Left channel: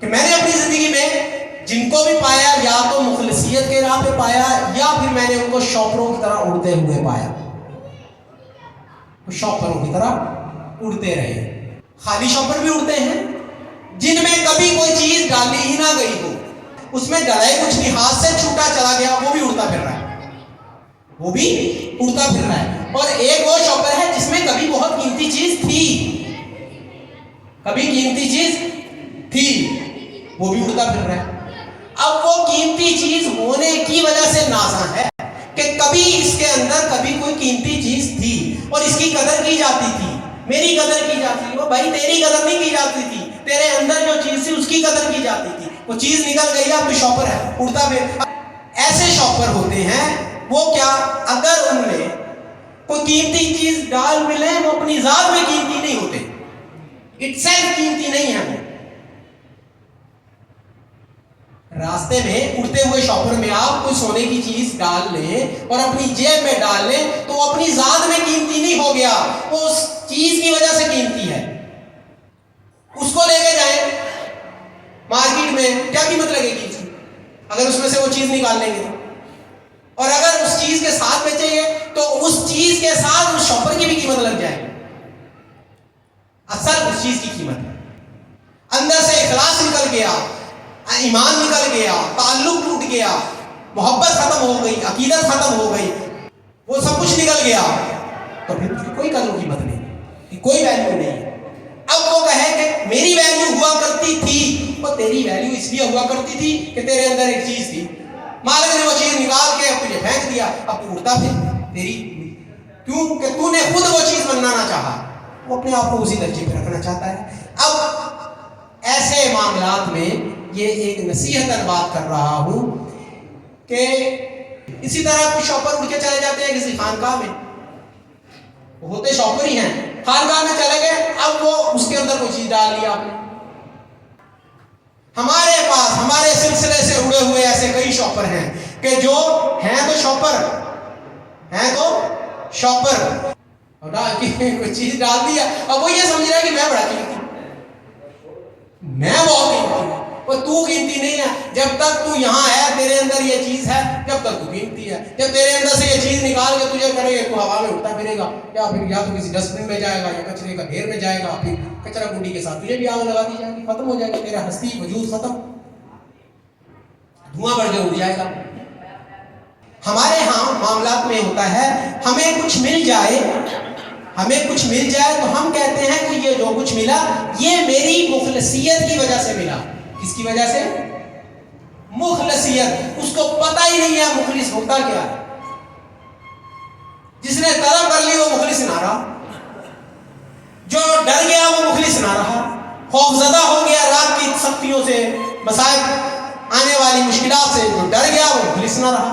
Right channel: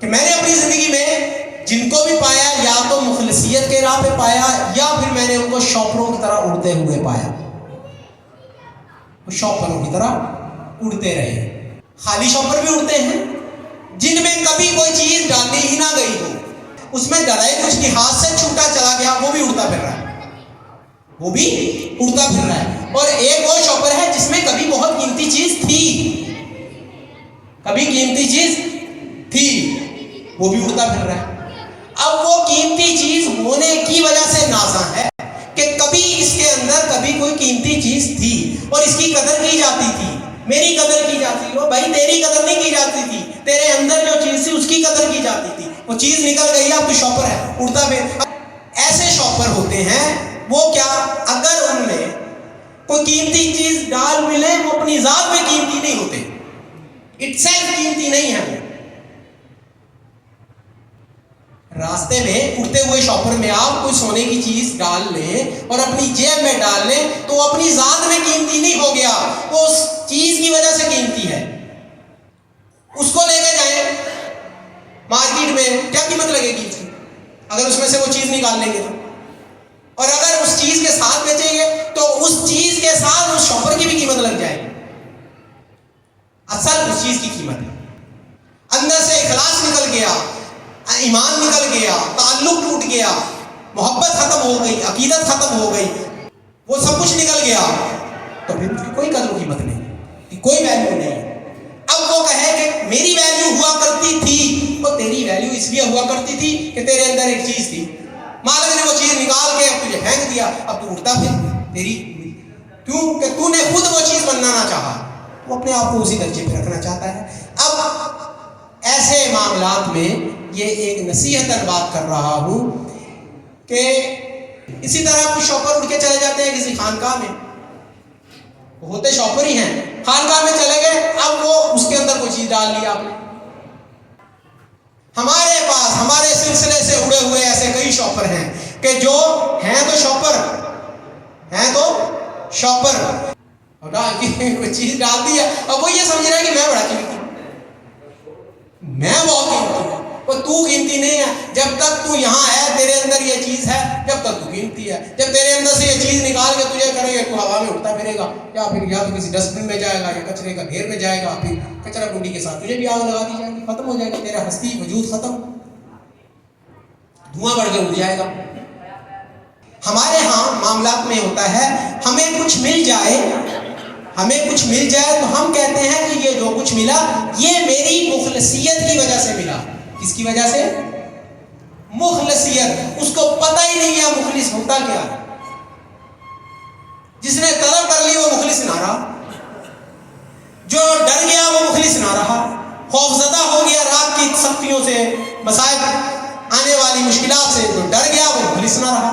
कि मैंने अपनी जिंदगी में जिनको भी पाया या तो मुखलिसियत के राह पे पाया या फिर मैंने उनको शॉपरों की तरह उड़ते हुए पाया, शॉपरों की तरह उड़ते रहे। खाली शॉपर भी उड़ते हैं जिनमें कभी कोई चीज डाली ही ना गई हो, उसमें डराए कुछ नहीं, हाथ से छूटा चला गया, वो भी उड़ता फिर रहा है, वो भी उड़ता फिर रहा है। और एक वो शॉपर है जिसमें कभी बहुत कीमती चीज थी, कभी कीमती चीज थी, वो भी उड़ता फिर रहा है। अब वो कीमती चीज होने की वजह से नाज़ा है कि कभी इसके अंदर कभी कोई कीमती चीज थी और इसकी कदर की जाती थी, मेरी कदर की जाती थी। वो भाई तेरी कदर नहीं की जाती थी, तेरे अंदर जो चीज थी उसकी कदर की जाती थी। वो चीज निकल गई, अब तो शॉपर है, उड़ता फिर। ऐसे शॉपर होते हैं वो क्या, अगर उनमें कोई कीमती चीज डाल मिले, वो अपनी जात में कीमती नहीं होते, इटसेल्फ कीमती नहीं है। वो रास्ते में उड़ते हुए शॉपर में आप कोई सोने की चीज डाल लें और अपनी जेब में डाल लें तो अपनी जात में कीमती नहीं हो गया, वो उस चीज की वजह से कीमती है। उसको लेके जाए मार्केट में, क्या कीमत लगेगी उसकी अगर उसमें से वो चीज निकाल लेंगे तो, और अगर उस चीज के साथ बेचेंगे तो उस चीज के साथ उस शॉपर की भी कीमत लग जाएगी। असल उस चीज की कीमत है। अंदर से इखलास निकल गया, ईमान निकल गया, ताल्लुक टूट गया, मोहब्बत खत्म हो गई, अकीदत खत्म हो गई, वो सब कुछ निकल गया, तो फिर उसकी कोई कदर कीमत नहीं, कोई वैल्यू नहीं। अब वो कहे कि मेरी वैल्यू हुआ करती थी, वो तेरी वैल्यू इसलिए हुआ करती थी कि तेरे अंदर एक चीज थी, मालिक ने वो चीज निकाल के तुझे फेंक दिया, अब तू उड़ता फिर तेरी, क्यों कि तूने खुद वो चीज बनाना चाहा, वो अपने आप को उसी दर्जे पे रखना चाहता है। अब ऐसे मामलात में ये एक नसीहतन बात कर रहा हूं कि इसी तरह कुछ शॉपर उड़ के चले जाते हैं किसी खानकाह में, होते शॉपर ही हैं, खानकाह में चले गए, अब वो उसके अंदर कोई चीज डाल लिया आपने। हमारे पास हमारे सिलसिले से उड़े हुए ऐसे कई शॉपर हैं कि जो हैं तो शॉपर, हैं तो शॉपर, कोई चीज डाल दिया, अब वो ये समझ रहा है कि मैं बड़ा कीमती, मैं बहुत कीमती हूं, पर तू कीमती नहीं है। जब तक तू यहाँ है, तेरे अंदर ये चीज है, जब तक तू कीमती है। जब तेरे अंदर से ये चीज निकाल के तुझे करेगा, तू हवा में उड़ता फिरेगा, या फिर या तो किसी डस्टबिन में जाएगा या कचरे का ढेर में जाएगा, फिर कचरा कुंडी के साथ तुझे भी आग लगा दी जाएगी, खत्म हो जाएगा, तेरा हस्ती वजूद खत्म, धुआं बढ़ के उड़ जाएगा। हमारे यहाँ मामलात में होता है, हमें कुछ मिल जाए, हमें कुछ मिल जाए तो हम कहते हैं कि ये जो कुछ मिला ये मेरी मुखलसियत की वजह से मिला। किसकी वजह से? मुखलसियत। उसको पता ही नहीं है मुखलिस होता क्या है। जिसने तलब कर ली वो मुखलिस ना रहा, जो डर गया वो मुखलिस ना रहा, खौफजदा हो गया रात की सख्तियों से, मसाइब आने वाली मुश्किलात से, जो डर गया वो मुखलिस ना रहा।